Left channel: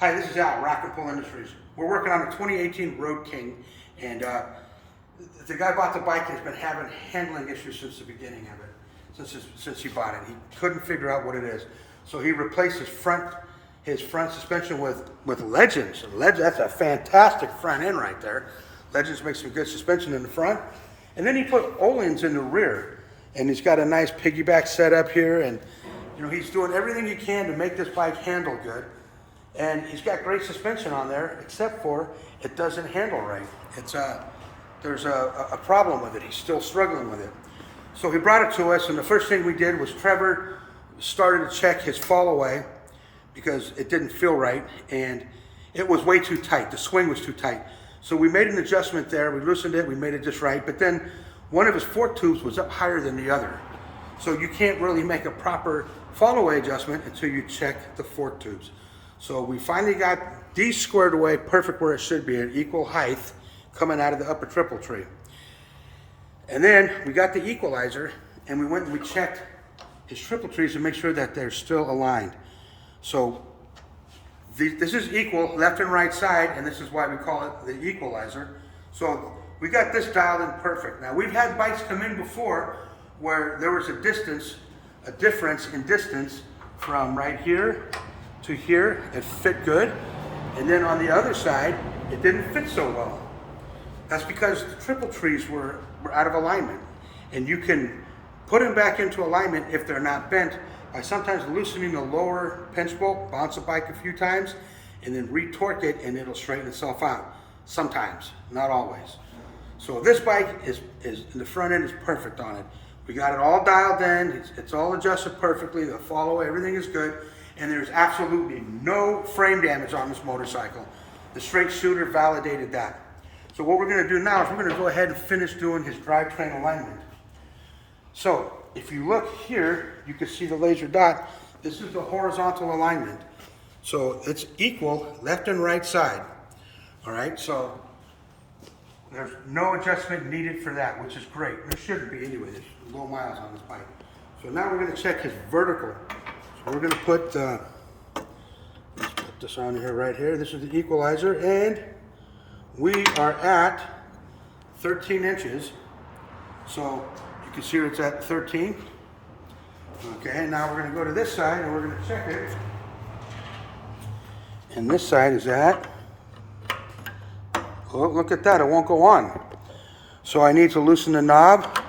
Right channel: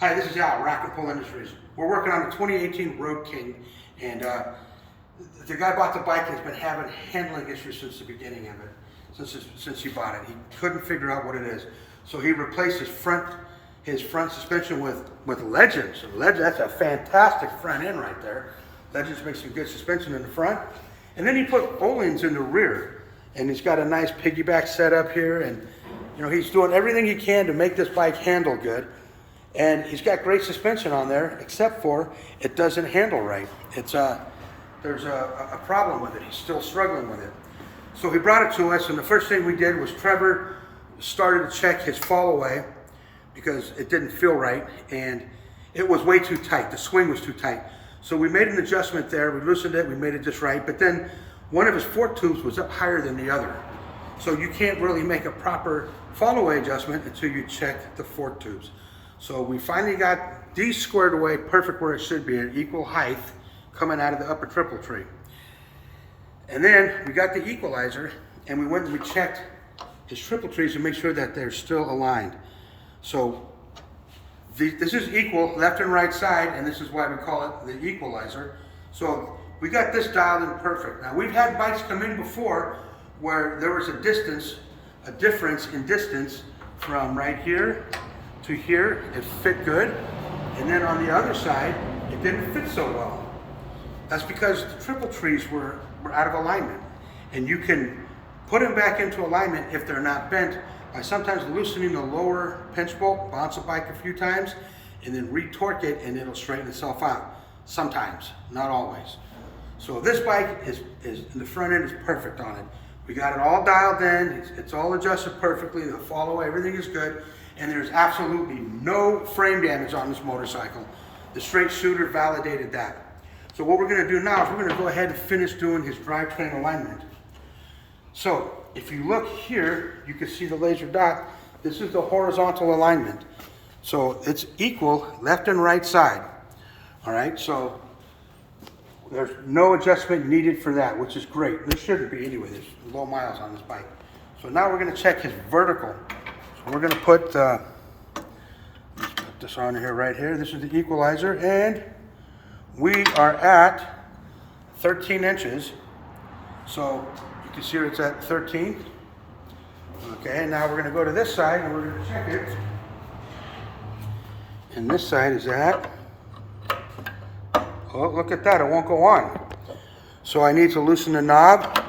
Hi, this is Al, Rack and Pull Industries. We're working on the 2018 Road King, and the guy bought the bike and has been having handling issues since the beginning of it, since he bought it. He couldn't figure out what it is. So he replaced his front suspension with Legends. That's a fantastic front end right there. Legends makes some good suspension in the front. And then he put Ohlins in the rear. And he's got a nice piggyback setup here, and you know, he's doing everything he can to make this bike handle good. And he's got great suspension on there, except for it doesn't handle right. There's a problem with it. He's still struggling with it. So he brought it to us, and the first thing we did was Trevor started to check his fall away because it didn't feel right, and it was way too tight. The swing was too tight. So we made an adjustment there. We loosened it. We made it just right. But then one of his fork tubes was up higher than the other. So you can't really make a proper fall away adjustment until you check the fork tubes. So we finally got these squared away perfect where it should be, at equal height coming out of the upper triple tree. And then we got the equalizer and we went and we checked his triple trees to make sure that they're still aligned. So this is equal left and right side, and this is why we call it the equalizer. So we got this dialed in perfect. Now we've had bikes come in before where there was a difference in distance from right here to here. It fit good, and then on the other side it didn't fit so well. That's because the triple trees were out of alignment, and you can put them back into alignment if they're not bent by sometimes loosening the lower pinch bolt, bounce the bike a few times, and then retorque it, and it'll straighten itself out. Sometimes, not always. So this bike is the front end is perfect on it. We got it all dialed in. It's all adjusted perfectly. The follow, everything is good. And there's absolutely no frame damage on this motorcycle. The straight shooter validated that. So what we're going to do now is we're going to go ahead and finish doing his drivetrain alignment. So if you look here, you can see the laser dot. This is the horizontal alignment. So it's equal left and right side. All right, so there's no adjustment needed for that, which is great. There shouldn't be anyway. There's low miles on this bike. So now we're going to check his vertical. So we're going to put this on here right here. This is the equalizer, and we are at 13 inches. So you can see it's at 13. Okay, now we're going to go to this side and we're going to check it. And this side is at, oh, look at that, it won't go on. So I need to loosen the knob,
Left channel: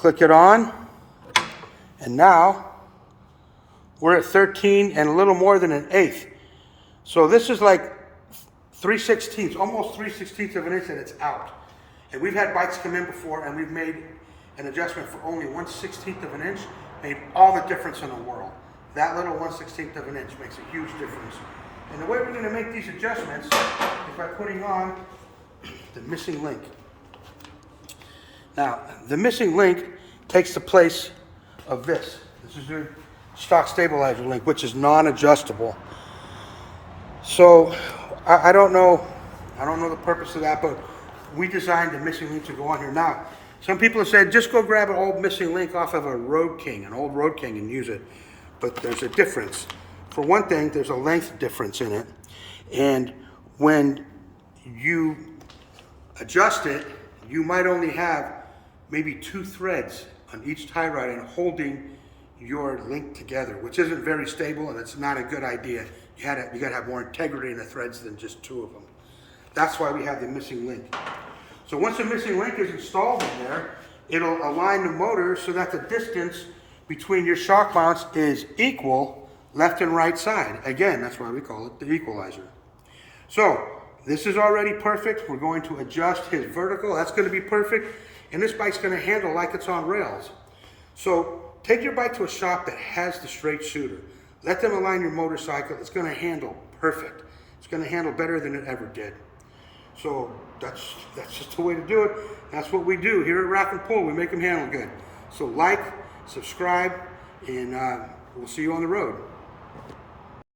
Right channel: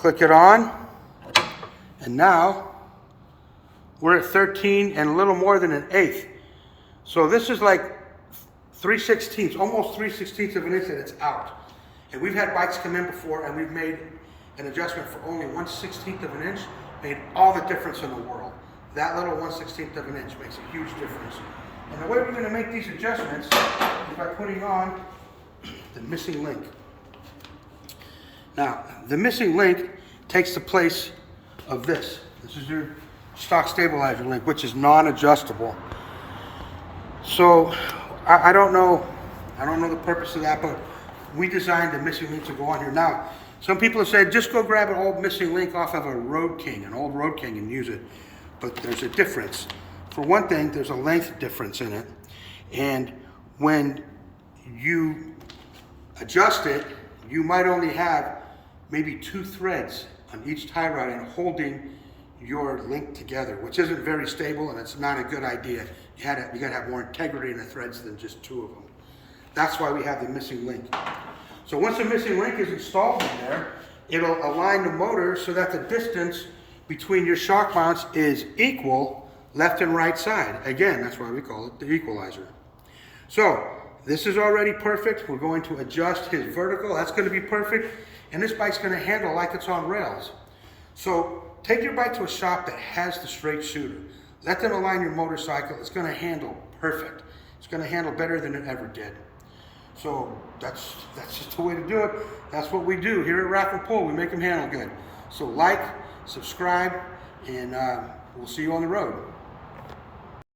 click it on, and now we're at 13 and a little more than an eighth. So this is like 3/16, almost 3/16 of an inch that it's out. And we've had bikes come in before and we've made an adjustment for only 1/16 of an inch, made all the difference in the world. That little 1/16 of an inch makes a huge difference. And the way we're going to make these adjustments is by putting on the missing link. Now, the missing link takes the place of this. This is your stock stabilizer link, which is non-adjustable. So I don't know the purpose of that, but we designed the missing link to go on here. Now, some people have said just go grab an old missing link off of a Road King, an old Road King, and use it. But there's a difference. For one thing, there's a length difference in it, and when you adjust it, you might only have maybe 2 threads on each tie rod and holding your link together, which isn't very stable, and it's not a good idea. You gotta have more integrity in the threads than just 2 of them. That's why we have the missing link. So once the missing link is installed in there, it'll align the motor so that the distance between your shock mounts is equal left and right side. Again, that's why we call it the equalizer. So this is already perfect. We're going to adjust his vertical. That's going to be perfect. And this bike's going to handle like it's on rails. So take your bike to a shop that has the straight shooter. Let them align your motorcycle. It's going to handle perfect. It's going to handle better than it ever did. So that's just the way to do it. That's what we do here at Rack and Pull. We make them handle good. So like, subscribe, and we'll see you on the road.